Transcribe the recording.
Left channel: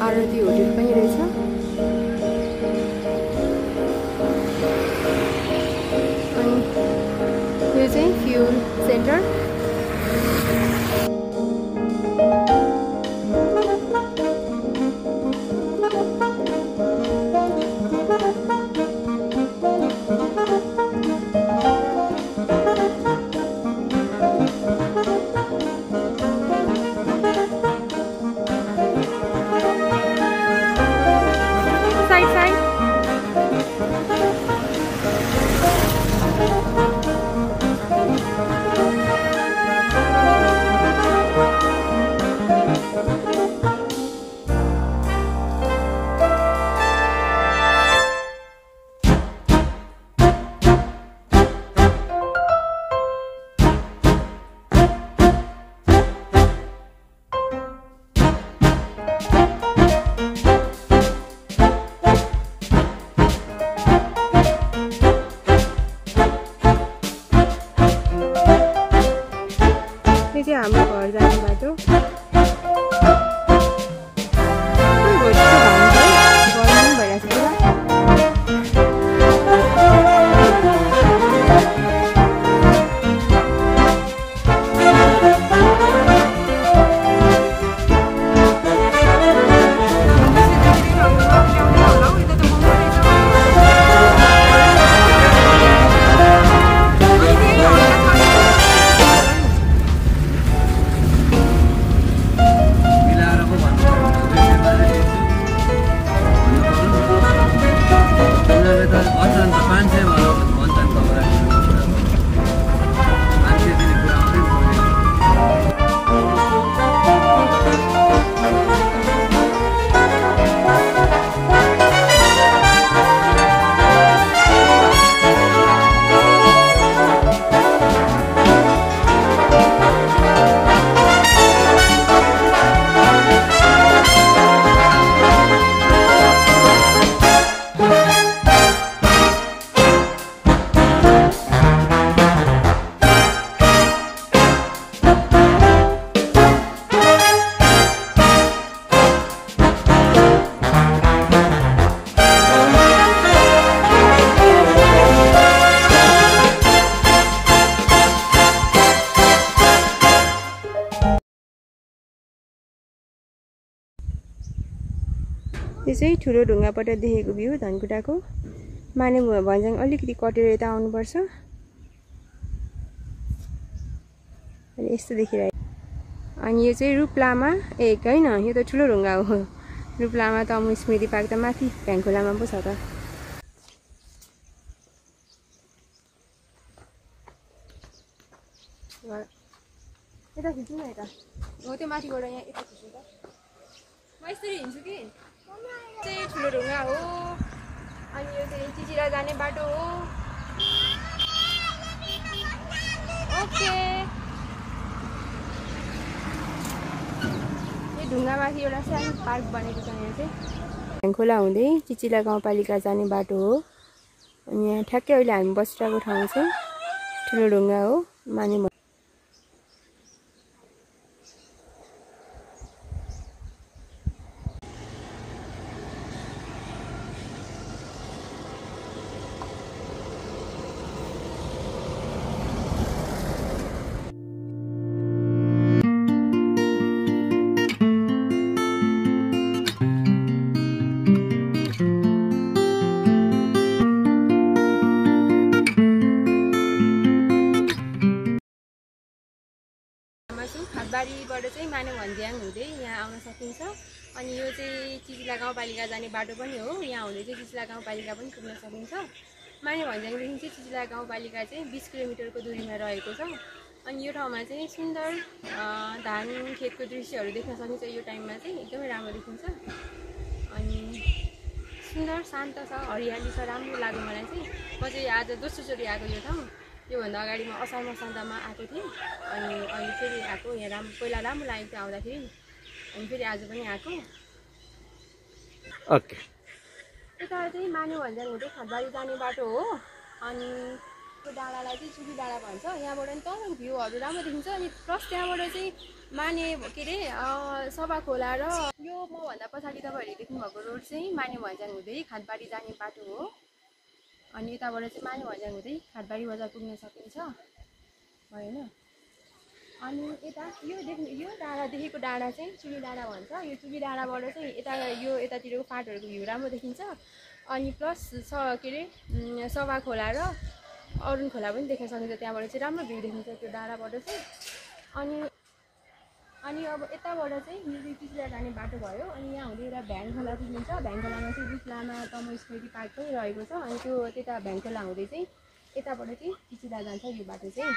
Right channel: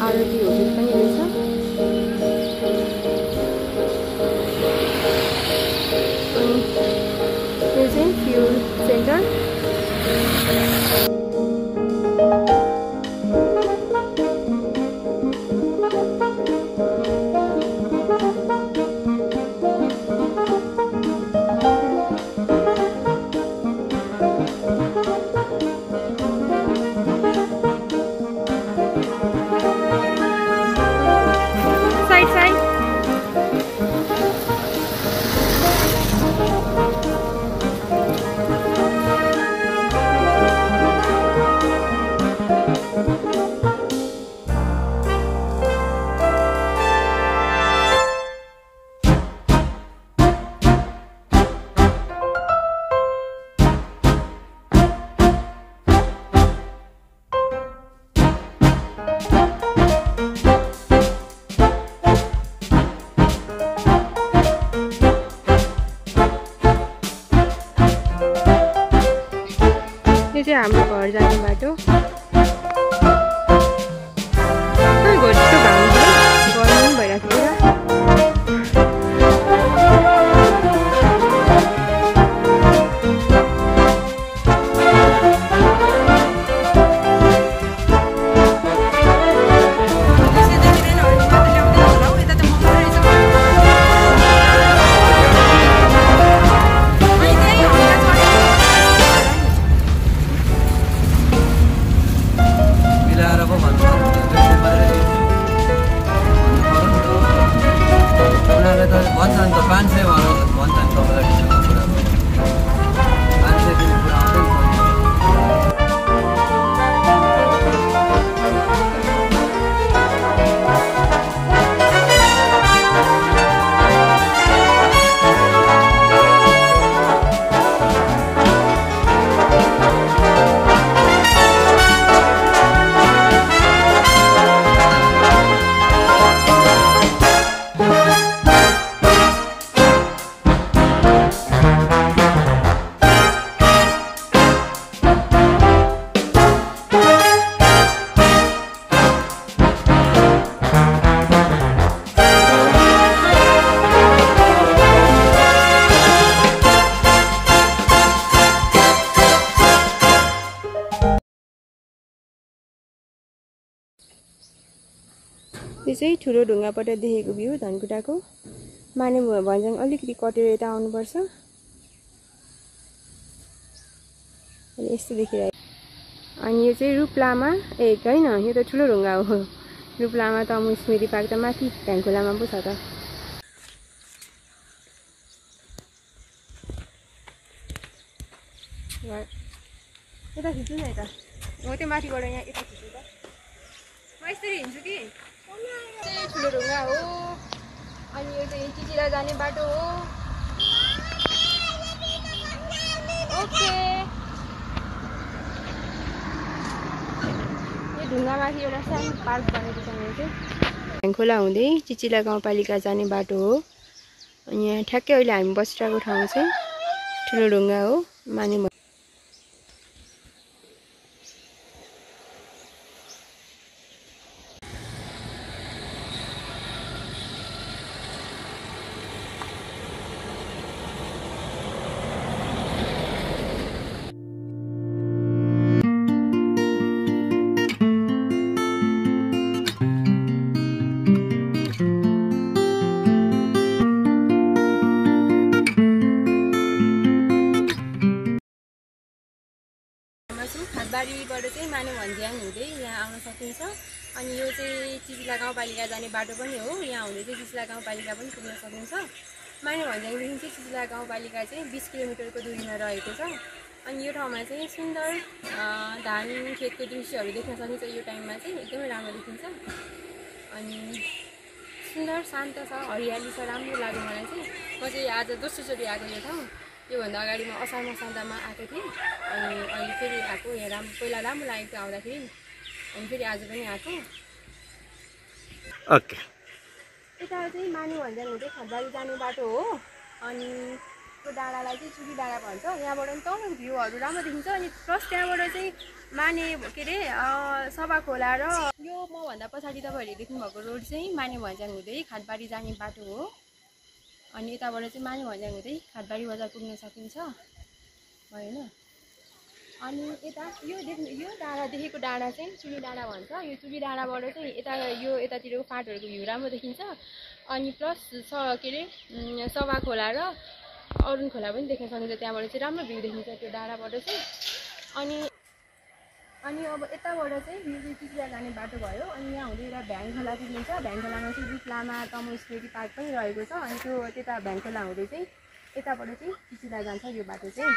आरती hotel पनि रहेछ। अनि यो चाहिँ फ्युल सेन्टर। साइड यो चाहिँ हाम्रो घर जाने बाटो। खै घरको घाम छ है, गर्मी पनि भइरहेको छ पुरा। यो चाहिँ ठुलो ढुङ्गाबाट देखेको भ्यू धनकुटाको। माने भन्ज्याङ अलिकति कटेर यता आउनुपर्छ। अनि यस्तो देखिरहेको। अनि यो चाहिँ रूपलामा होइन, यो त ठुलो ढुङ्गा हो। रूपलामा तमु स्मृति पार्क त माथि भ्याङखोलामा पो छ त। यता खिच्छु न यता। हो त्यो माथिबाट यहाँ यता खिच्छु त। म यसरी हिँड्छु कि। चाहिँ ठुलो ढुङ्गा हो। अनि यो चाहिँ चिचिला जाने बाटो हो। ओके। यो ढुङ्गामाथि एउटा सानो पार्क बनेको छ यहाँ चाहिँ। भ्याङखोला हुँदै चिचिला गाउँपालिका जाने बाटो हो। अनि यहाँ ठ्याक्कै अहिले हामी बसिरहेको ठाउँ चाहिँ ठुलो ढुङ्गा हो। माने खातबारीबाट चाहिँ माने भन्ज्याङ हुँदै यहाँ आउन सकिन्छ। अनि यो चाहिँ चिचिला गाउँपालिका जाने बाटो पनि हो। यहाँ हुँदै चाहिँ चिचिला गाउँपालिका पनि पुग्न सकिन्छ। माने भन्ज्याङदेखि चाहिँ चिचिला गाउँपालिका चाहिँ 20 किलोमिटरको दूरीमा रहेको छ। अनि यो ठाउँमा चाहिँ सुन्दर धान खेतको दृश्यहरू देख्न सकिन्छ। यो टाइममा चाहिँ एकदमै राम्रो देखिन्छ। अनि सुन्दर शान्त छ, हरियाली छ, राम्रो लाग्यो मलाई चाहिँ। म चाहिँ आज दोस्रोचोटि आएको यो ठाउँ। योभन्दा अगाडि म असार मसान्तमा आएको थिएँ। अनि अहिले फेरि आएको। यहाँ पहिला राम्रो लागेको थियो आउँदाखेरि। अनि फेरि आज पनि आएको। ओके। यता चाहिँ माने भन्ज्याङ हुँदै खातबारी जाने बाटो हो। अनि त्यो डाँडालाई चाहिँ चुकी डाँडा भन्छ। यहाँबाट नि तल भ्यूहरू राम्रो देखिन्छ। अनि प्लस त्यहाँबाट चाहिँ माने के अरे सभा खोला र यो मभन्दा पछाडि तपाईँहरूले देख्नुभएको रोड चाहिँ माने भन्ज्याङ हुँदै खाटबारी जाने बाटो हो। अनि यताबाट चाहिँ माने भन्ज्याङ हुँदै खाटबारी बजार पुग्न सकिन्छ होइन। अनि यता यो डाँडा देखेको डाँडा चाहिँ चुली डाँडा भन्छ। यो चुली डाँडाबाट चाहिँ यतातिरको फाँटहरूको भ्यू राम्रो देखिन्छ। अनि प्लस के अरे सभा खोला र अरुण खोला पनि देख्न सकिन्छ। त्यहाँबाट चाहिँ राम्रो भ्यू देखिन्छ त्यो डाँडाबाट चाहिँ। अनि अब यताबाट चाहिँ यो चाहिँ चिचिला जाने बाटो भयो। अनि यहाँ हुँदै एउटा भ्याङ खोला देखिन्छ। भ्याङ खोलामा चाहिँ रुख लामा तमु स्मृति पार्क पनि रहेको छ। अनि त्यो त्यता भ्याङ खोला हुँदै चाहिँ यताबाट चाहिँ चिचिला जान्छ यो बाटो चाहिँ।